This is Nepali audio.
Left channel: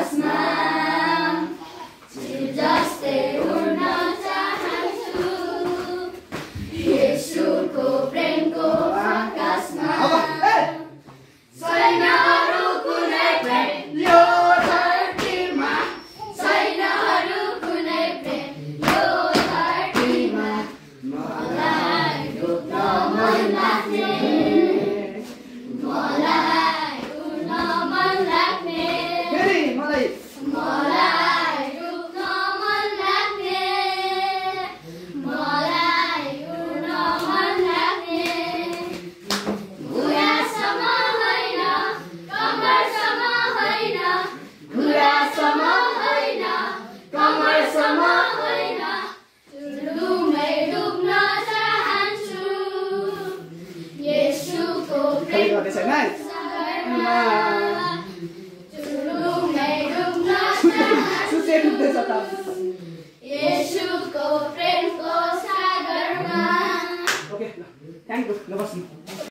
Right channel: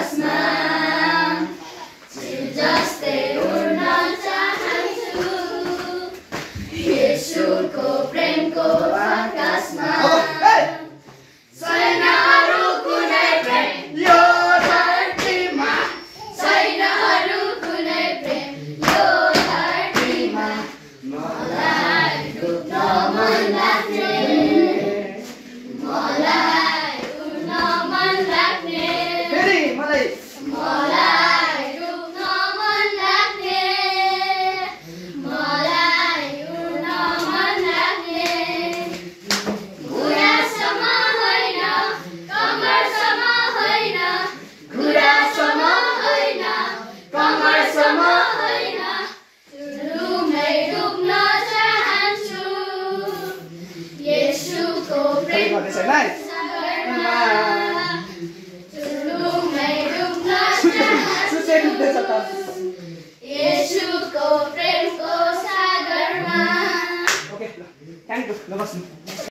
आकाशमा चिल जस्तै उड्न चाहन्छु येशूको प्रेमको आकाशमा छैन अरू कुनै प्रेम यो धरतीमा छैन अरू कुनै प्रेम यो धरतीमा मलाई डुब्न मन लाग्ने मलाई उड्न मन लाग्ने मलाई डुब्न मन लाग्ने मलाई उड्न मन लाग्ने घुरासम्म होइन कमरसम्म होइन घुरासम्म होइन कमरसम्म होइन चुरुमै डुब्न चाहन्छु येशूको प्रेमको सागरमा चुरुमै डुब्न चाहन्छु येशूको प्रेमको सागरमा ओके ल थ्यांक यू ल बस्नु